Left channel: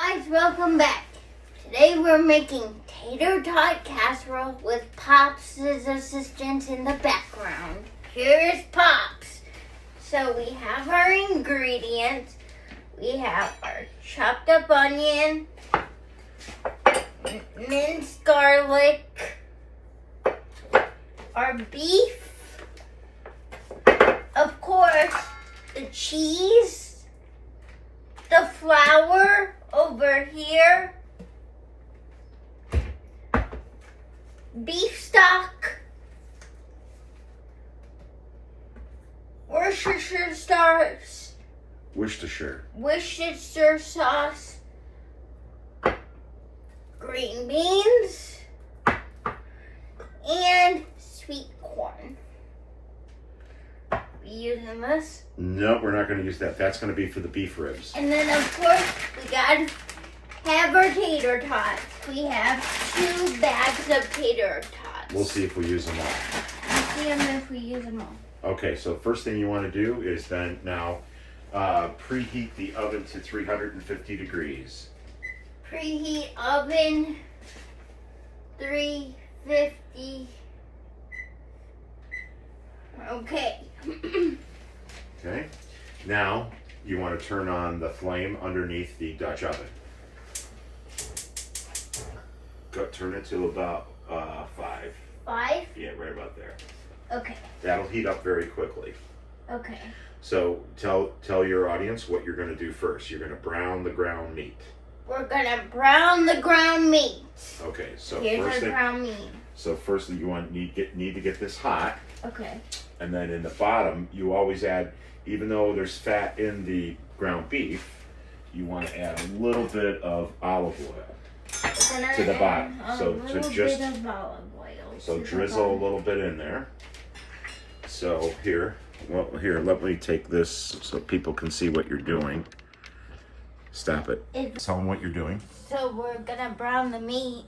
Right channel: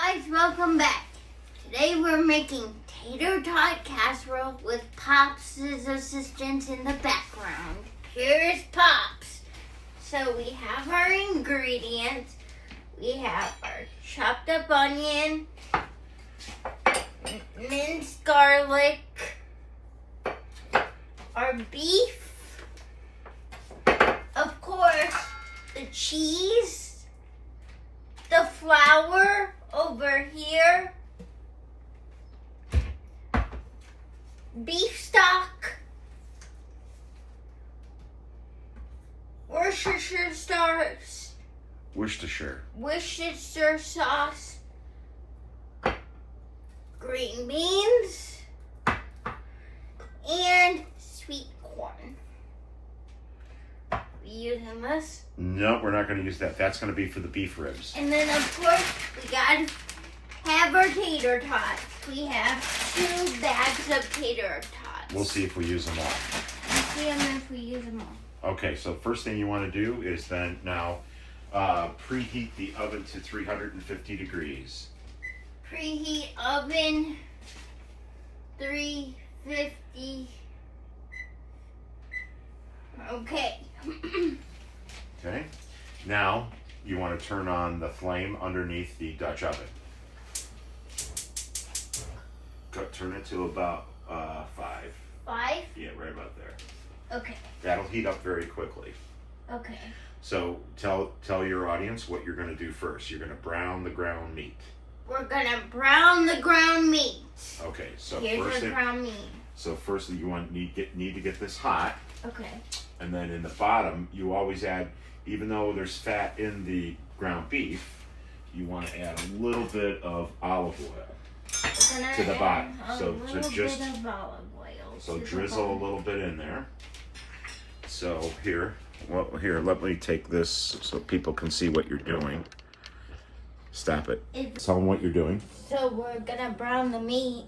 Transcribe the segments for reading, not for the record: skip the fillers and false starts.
Guys, welcome back. Today we're making Tarter Tot Casserole with Pops' assistant in the background. Here is Pops. So we have our ingredients. We have our chopped up onion, minced garlic, our beef, of course, the cheese, the flour over here, beef stock, Worcestershire sauce, green beans, and sweet corn. We using this? No, we're not going to use that. That's going to be for the beef ribs. And then, of course, we got to have our tater tots. We have 2 bags of tater tots. We'll see if we use them all. We'll see if we use them all. Okay, so first thing you want to do is then now preheat the oven to 350 degrees. Preheat oven 350. Okay. Okay, now you want to turn on the flame underneath the Dutch oven. Turn it to about 5. 5? Yeah, right about there. Okay. That'll heat up very quickly. Okay. So tell your audience what you're going to do first. You're going to brown the ground meat. We're going to brown the ground meat. Okay, so here's our ground meat. So first you need to get this hot. Okay. And then in the bottom, you always add, even though there's fat in the ground beef, you want to add a little bit of olive oil to the bottom. So drizzle a little bit in there. So here, let me take this so people can see what you're doing. Stop it. Tell them what you're doing. So we're gonna brown the meat.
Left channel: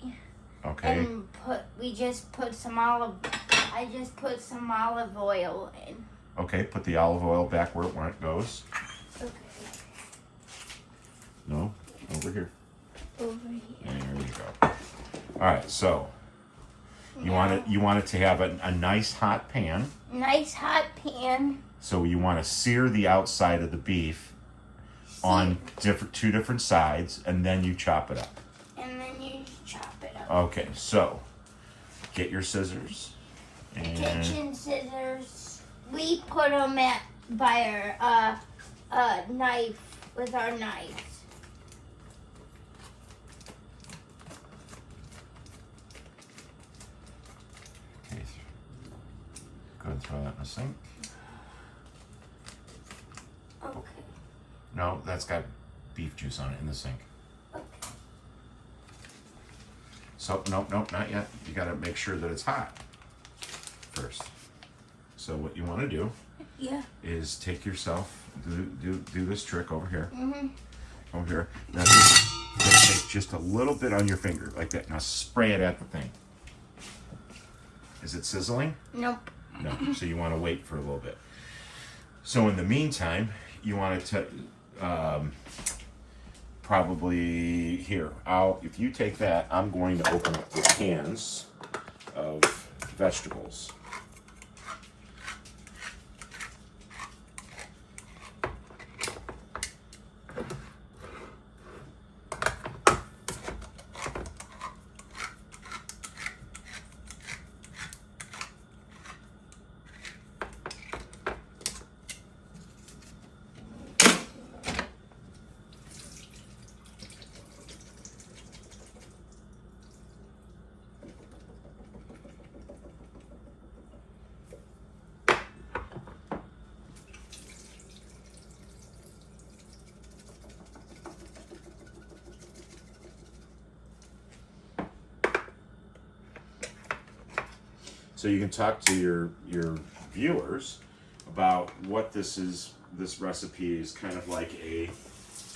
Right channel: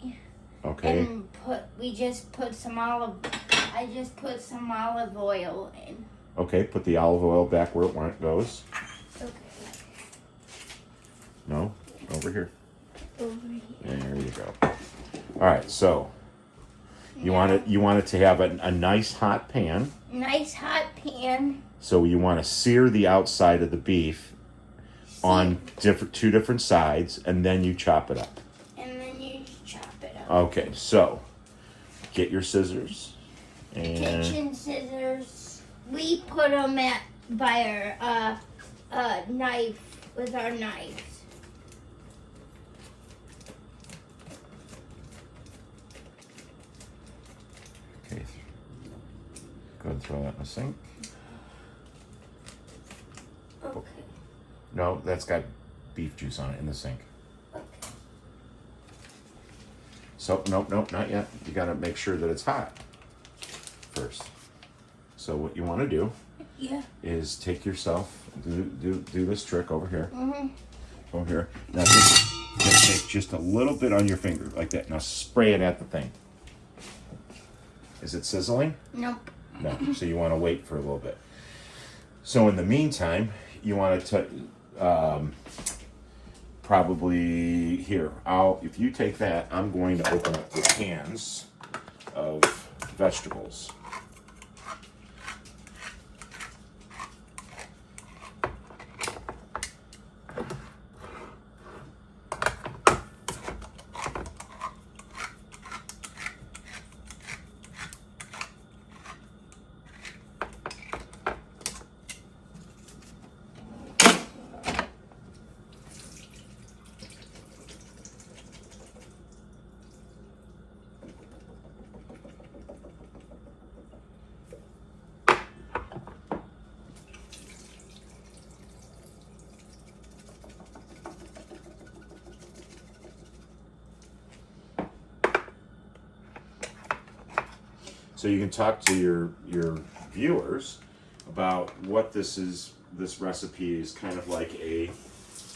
Okay. And I just put some olive oil in. Okay, put the olive oil back where it goes. Okay. No, over here. Over here. There you go. All right, so you want it to have a nice hot pan. Nice hot pan. So you want to sear the outside of the beef on 2 different sides, and then you chop it up. And then you chop it up. Okay, so get your scissors. And kitchen scissors. We put them by our knife, with our knife. Okay, go ahead and throw that in the sink. Okay. No, that's got beef juice on it in the sink. Okay. So, nope, not yet. You got to make sure that it's hot first. So what you want to do is take yourself, do this trick over here. Mm-hmm. Over here. Now take just a little bit on your finger, like that. Now spray it at the thing. Is it sizzling? Nope. No. So you want to wait for a little bit. So in the meantime, you want to probably here. If you take that, I'm going to open up the cans of vegetables. So you can talk to your viewers about what this recipe is kind of like a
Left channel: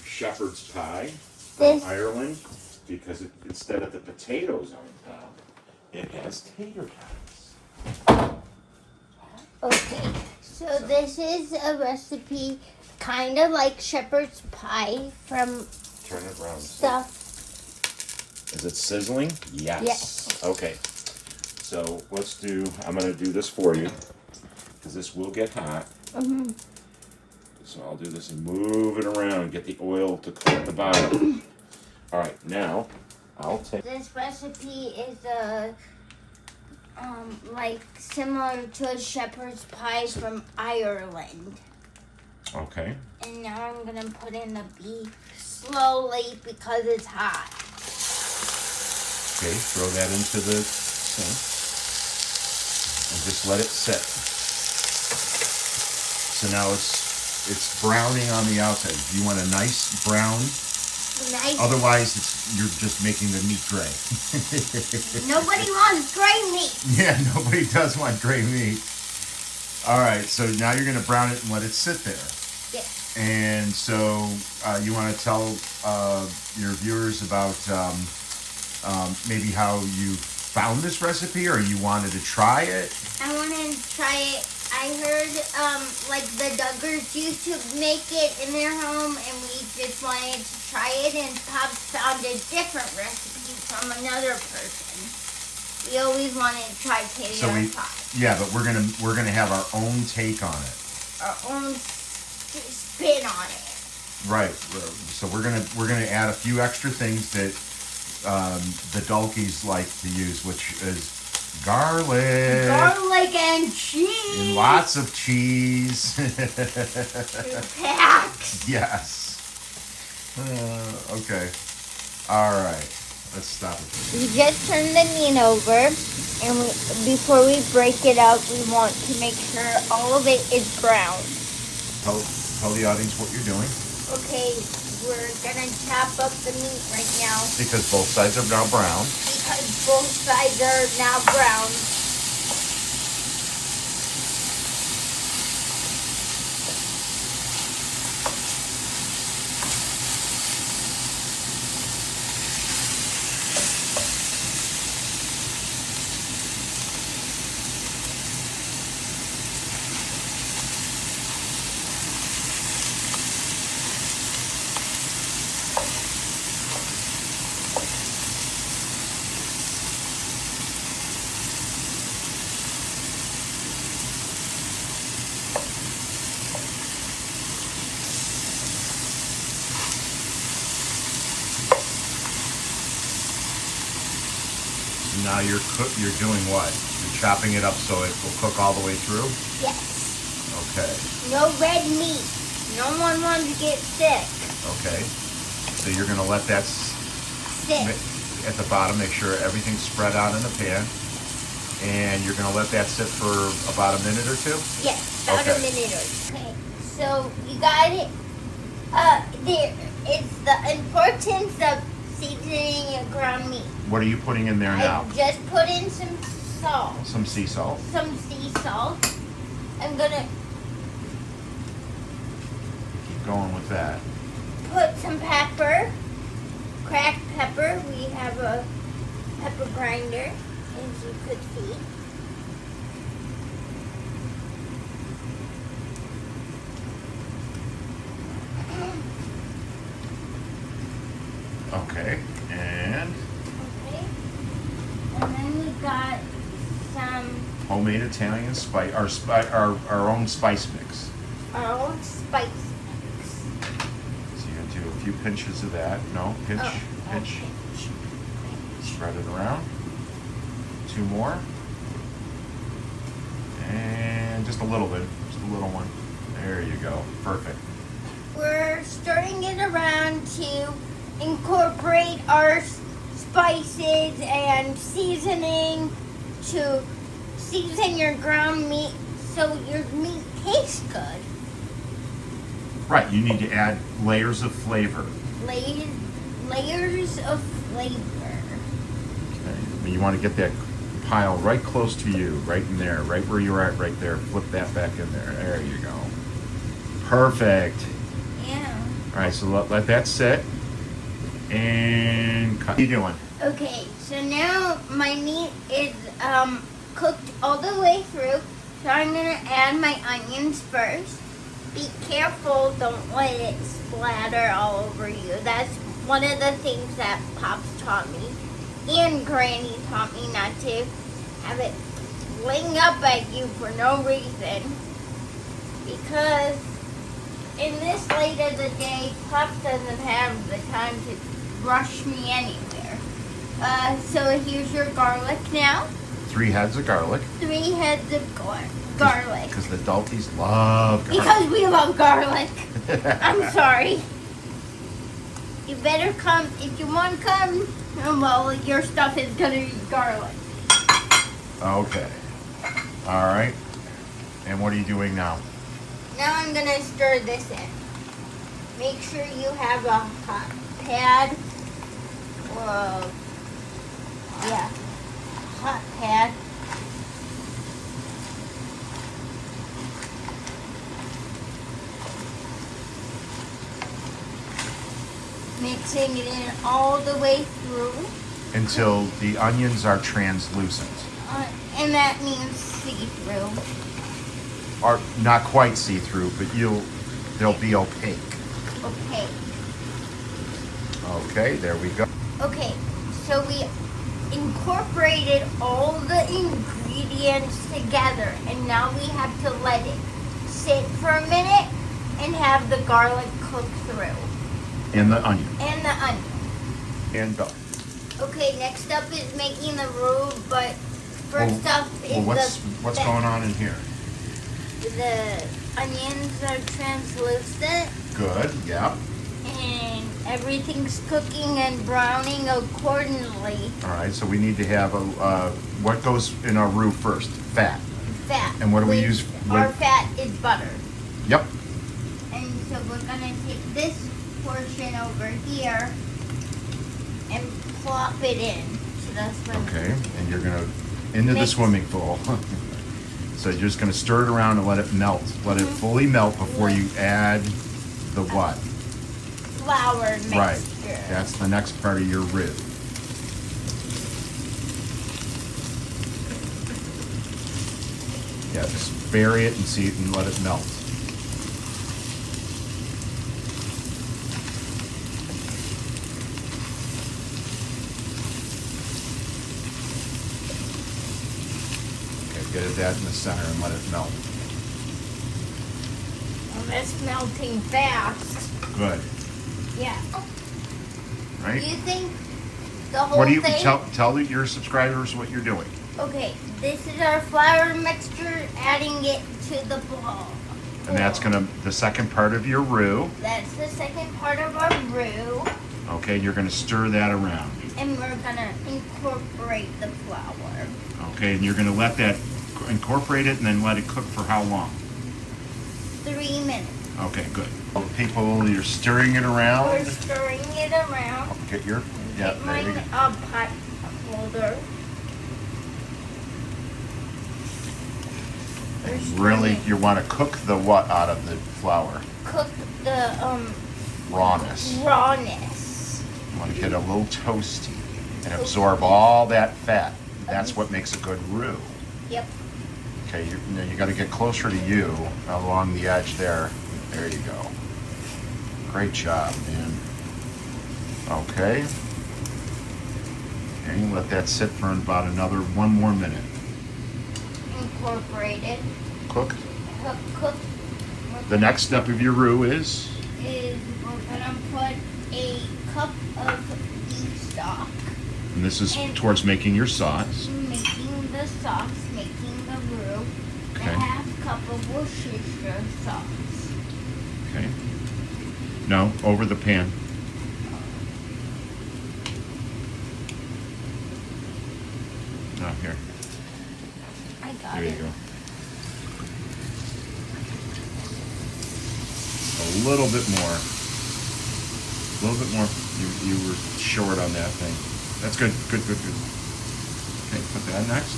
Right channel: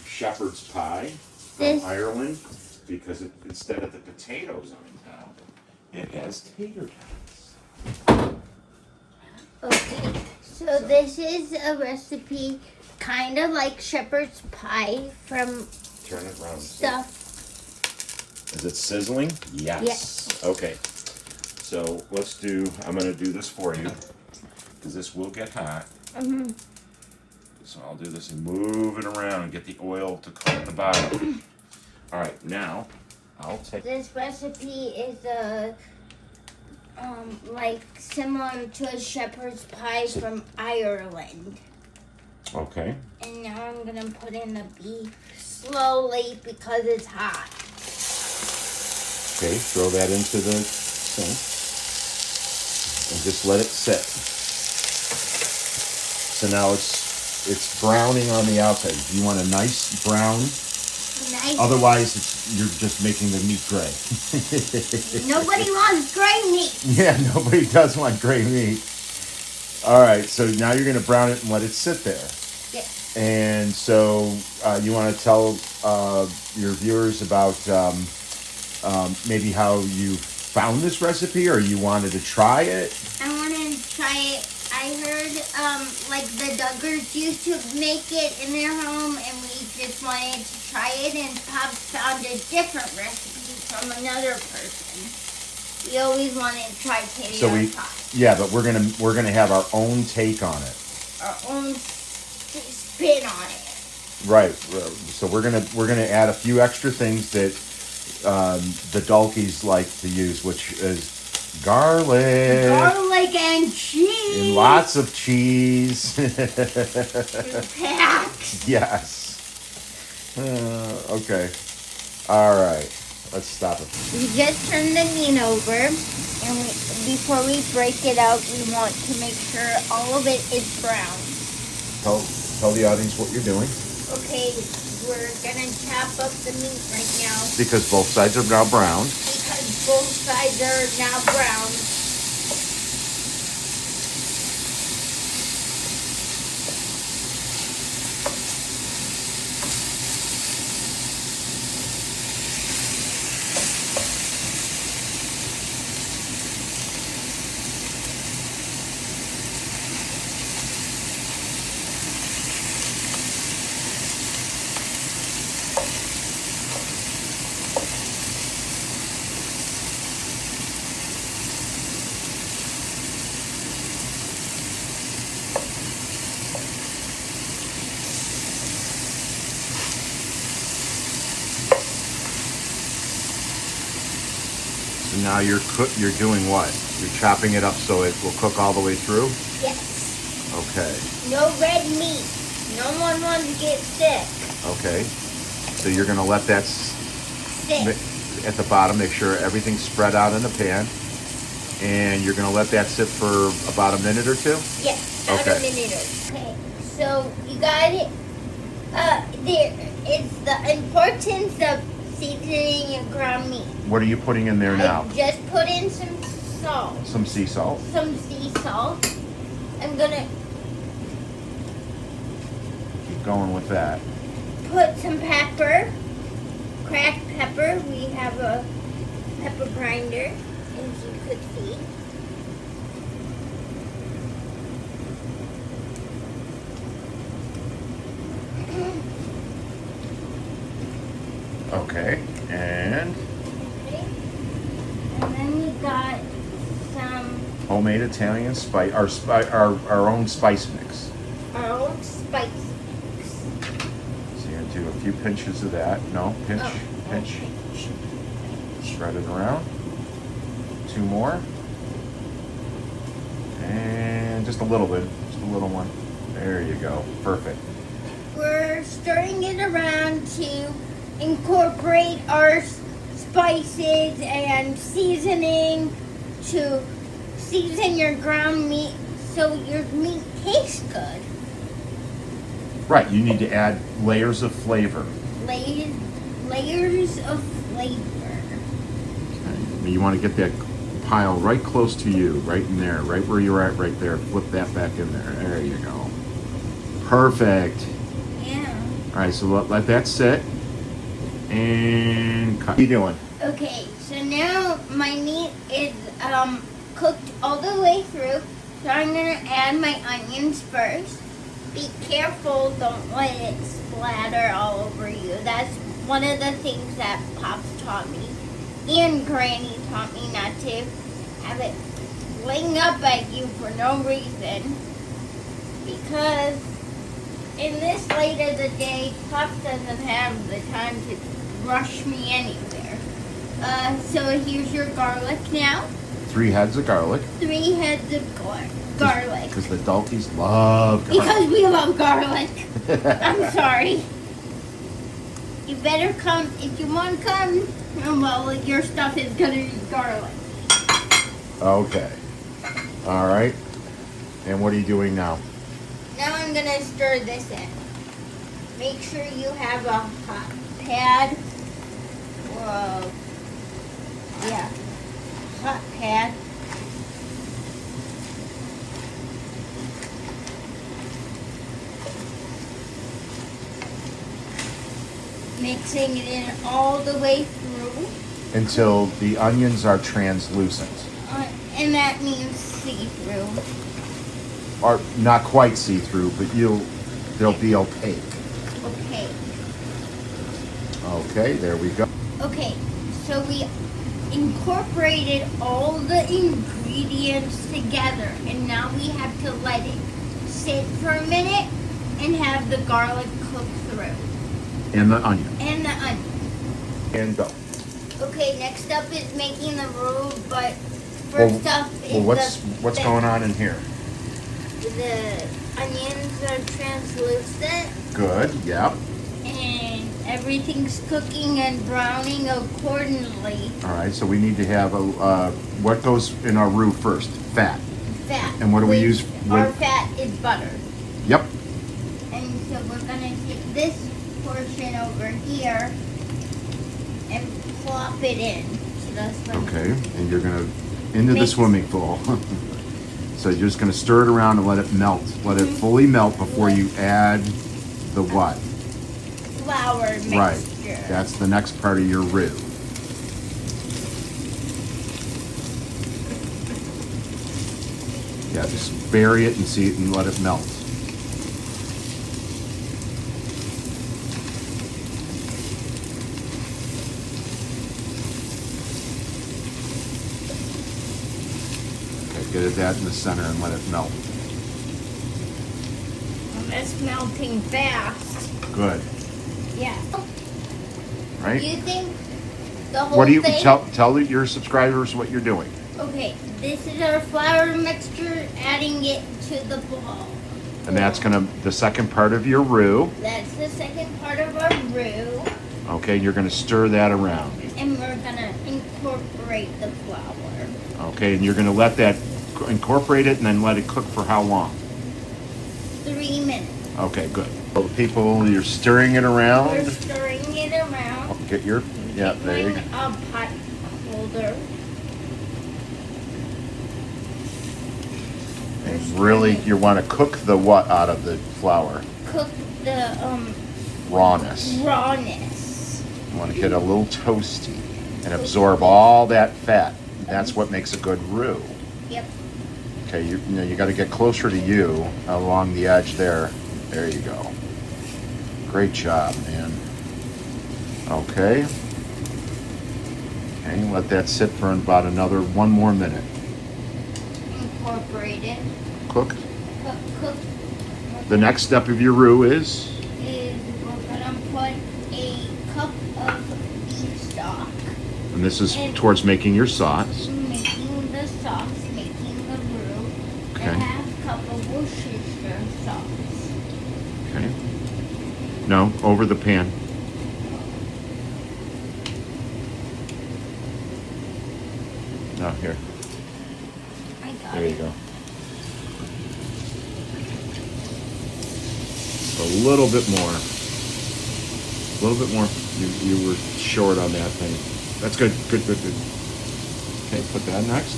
shepherd's pie from Ireland, because instead of the potatoes on top, it has tater tots. Okay, so this is a recipe kind of like shepherd's pie from turn it around. stuff. Is it sizzling? Yes. Yes. Okay. So let's do, I'm going to do this for you because this will get hot. Mm-hmm. So I'll do this and move it around, get the oil to coat the bottom. All right, now I'll take. This recipe is like similar to a shepherd's pie from Ireland. Okay. And now I'm gonna put in the beef slowly because it's hot. Okay, throw that into the thing and just let it sit. So now it's browning on the outside. You want a nice brown. Nice. Otherwise, you're just making the meat gray. Nobody wants gray meat. Yeah, nobody does want gray meat. All right, so now you're going to brown it and let it sit there. Yes. And so you want to tell your viewers about maybe how you found this recipe, or you wanted to try it? I wanted to try it. I heard like the Duggars used to make it in their home, and we just wanted to try it, and Pop found a different recipe from another person. We always wanted to try tater tots. Yeah, but we're gonna have our own take on it. Our own spin on it. Right. So we're gonna add a few extra things that the Dalkies like to use, which is garlic. Garlic and cheese. And lots of cheese. 2 packs. Yes. Okay. All right. Let's stop it. We just turn the meat over, and before we break it out, we want to make sure all of it is brown. Tell the audience what you're doing. Okay, we're gonna chop up the meat right now. Because both sides are now brown. Because both sides are now brown. So now you're doing what? You're chopping it up so it will cook all the way through? Yes. Okay. No red meat. No one wants to get sick. Okay. So you're going to let that Sick. at the bottom, make sure everything's spread out in the pan. And you're going to let that sit for about a minute or two? Yes, about a minute or two. Okay, so you got it. There is the importance of seasoning your ground meat. What are you putting in there now? I just put in some salt. Some sea salt. Some sea salt. I'm gonna Keep going with that. put some pepper, cracked pepper. We have a pepper grinder, as you could see. Okay. And Okay. And then we got some homemade Italian spice, our own spice mix. our own spice. So you're going to do a few pinches of that. No, pinch, pinch. Spread it around. 2 more. And just a little bit. Just a little one. There you go. Perfect. We're stirring it around to incorporate our spices and seasoning to season your ground meat so your meat tastes good. Right. You need to add layers of flavor. Layers of flavor. You want to get that pile right close to you, right in there, right where you're at, right there. Flip that back in there. There you go. Perfect. Yeah. All right, so let that sit and cut. What are you doing? Okay, so now my meat is cooked all the way through. So I'm gonna add my onions first. Be careful, don't let it splatter all over you. That's one of the things that Pops taught me and Granny taught me not to have it fling up at you for no reason. Because in this late of the day, Pops doesn't have the time to rush me anywhere. So here's your garlic now. 3 heads of garlic. 3 heads of garlic. Because the Dalties love garlic. Because we love garlic. I'm sorry. You better come, if you want to come, well, your stuff is going to be garlic. Okay. All right. And what are you doing now? Now I'm going to stir this in. Make sure you have a hot pad. Hot pad. Mixing it in all the way through. Until the onions are translucent. And that means see-through. Or not quite see-through, but they'll be opaque. Okay. Okay, there we go. Okay, so we incorporated all the ingredients together, and now we have to let it sit for a minute and have the garlic cook through. And the onion. And the onion. And go. Okay, next up is making the roux, but first up is what's going on in here? The onions are translucent. Good, yeah. And everything's cooking and browning accordingly. All right, so we need to have what goes in our roux first? Fat. Fat. And what do we use? Our fat is butter. Yep. And so we're gonna take this portion over here and plop it in. So that's okay, and you're gonna into the swimming pool. So you're just gonna stir it around and let it melt. Let it fully melt before you add the what? Flour mixture. Right. That's the next part of your roux. Yeah, just bury it and see it and let it melt. Get that in the center and let it melt. And it's melting fast. Good. Yeah. Right? You think the whole What do you thing? tell your subscribers what you're doing? Okay, this is our flour mixture, adding it to the bowl. And that's the second part of your roux. That's the second part of our roux. Okay, you're gonna stir that around. And we're gonna incorporate the flour. Okay, and you're gonna let that incorporate it and then let it cook for how long? 3 minutes. Okay, good. So people, you're stirring it around. We're stirring it around. Get your Get my there you go. pot holder. Really, you want to cook the what out of the flour? Cook the Rawness. rawness. You want to get a little toasty and absorb all that fat. That's what makes a good roux. Yep. Okay, you got to get closer to you along the edge there. There you go. Great job, man. Okay. Okay, let that sit for about one more minute. Incorporate it. Cook. Cook. The next step of your roux is? We're gonna put a cup of stock. And this is towards making your sauce. Making the sauce, making the roux. Okay. A half cup of Worcestershire sauce. Okay. No, over the pan. No, here. I got There it. you go. A little bit more. A little bit more. You were short on that thing. That's good. Good, good, good. Okay, put that next.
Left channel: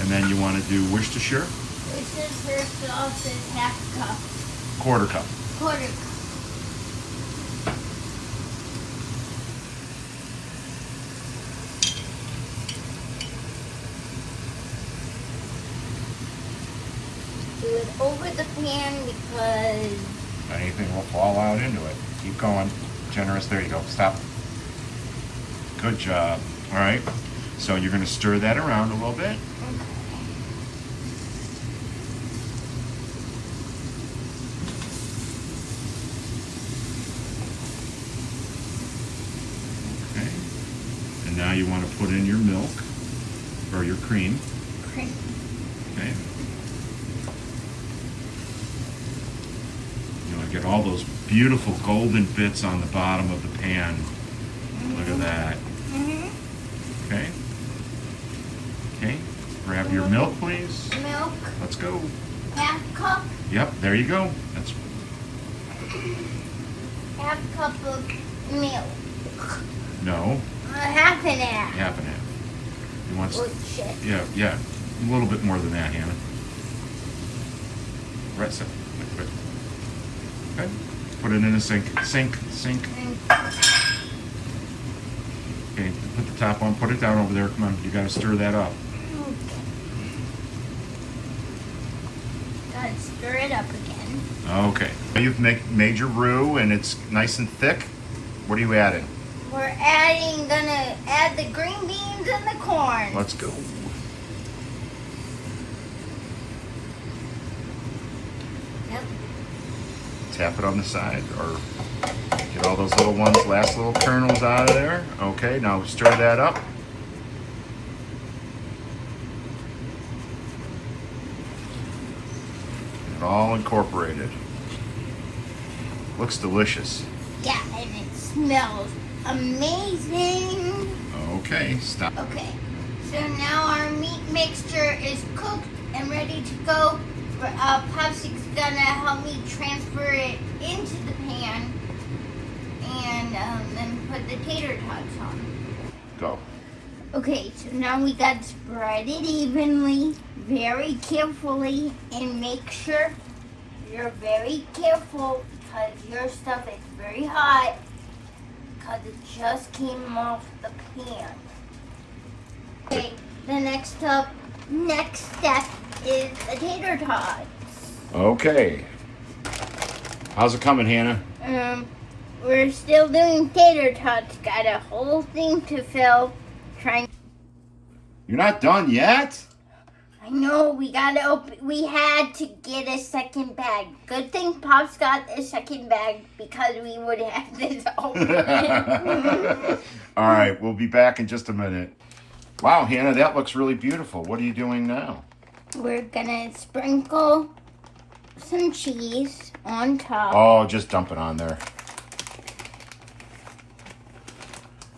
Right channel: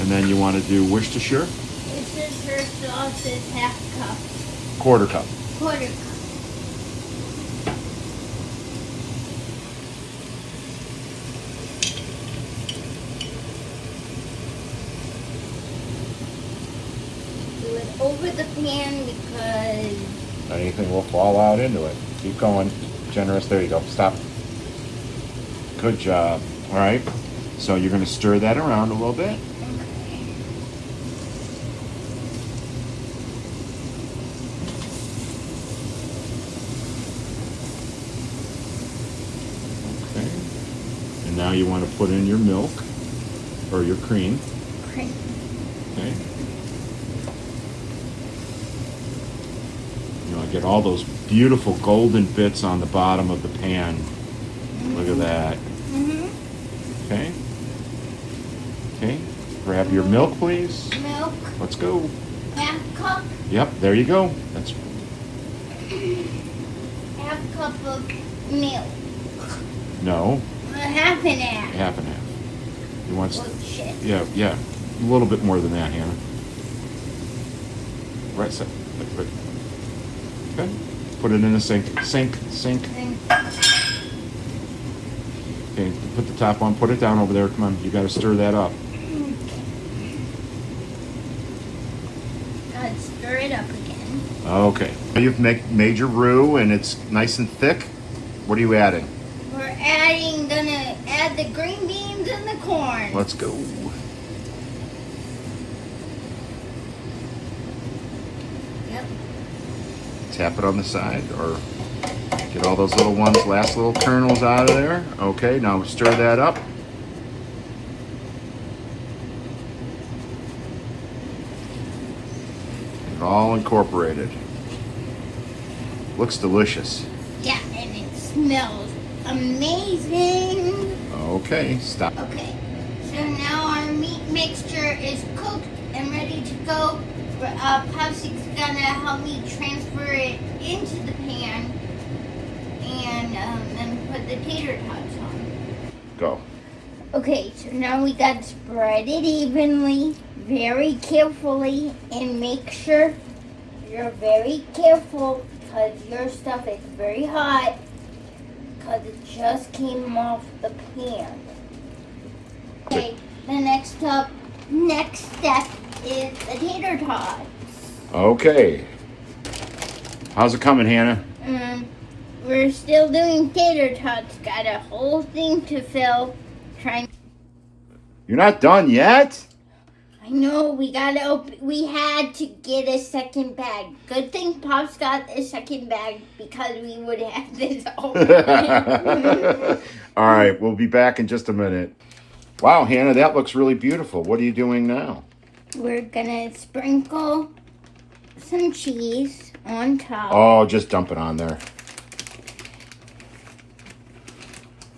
And then you want to do Worcestershire? Worcestershire sauce is half cup. Quarter cup. Quarter cup. Do it over the pan because Anything will fall out into it. Keep going. Generous. There you go. Stop. Good job. All right. So you're going to stir that around a little bit. Okay. And now you want to put in your milk or your cream. Cream. Okay. You want to get all those beautiful golden bits on the bottom of the pan. Look at that. Okay. Okay. Grab your milk, please. Milk. Let's go. Half cup. Yep, there you go. That's Half cup of milk. no. Half and half. Half and half. You want Oh, shit. yeah. A little bit more than that, Hannah. Right, so. Okay. Put it in the sink. Sink. Okay, put the top on, put it down over there. Come on, you gotta stir that up. Gotta stir it up again. Okay. You've made your roux and it's nice and thick. What are you adding? We're gonna add the green beans and the corn. Let's go. Yep. Tap it on the side or get all those little ones, last little kernels out of there. Okay, now stir that up. It's all incorporated. Looks delicious. Yeah, and it smells amazing. Okay, stop. Okay, so now our meat mixture is cooked and ready to go. Pop's gonna help me transfer it into the pan and then put the tater tots on. Go. Okay, so now we got to spread it evenly, very carefully, and make sure you're very careful because your stuff is very hot because it just came off the pan. Okay, the next step is the tater tots. Okay. How's it coming, Hannah? We're still doing tater tots. Got a whole thing to fill. You're not done yet? I know we had to get a second bag. Good thing Pop's got a second bag because we would have this open. All right, we'll be back in just a minute. Wow, Hannah, that looks really beautiful. What are you doing now? We're gonna sprinkle some cheese on top. Oh, just dump it on there.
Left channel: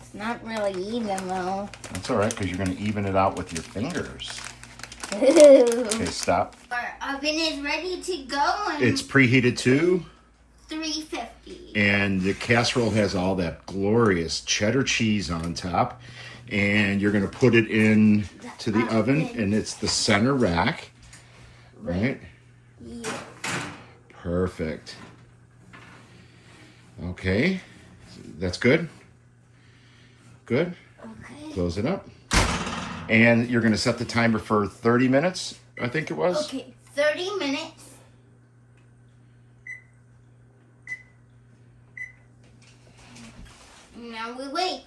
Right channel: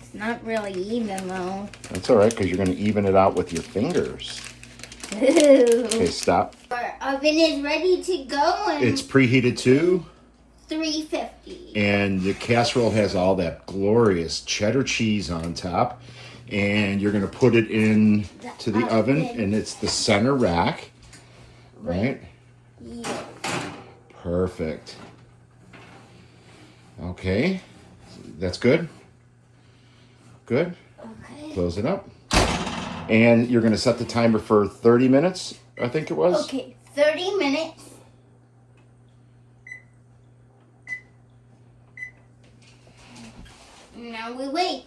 It's not really even though. That's all right, because you're going to even it out with your fingers. Ooh. Okay, stop. Our oven is ready to go. And It's preheated to, 350. and the casserole has all that glorious cheddar cheese on top. And you're going to put it in to the oven, and it's the center rack, right? Yeah. Perfect. Okay, that's good. Good. Okay. Close it up. And you're going to set the timer for 30 minutes, I think it was. Okay, 30 minutes. Now we wait.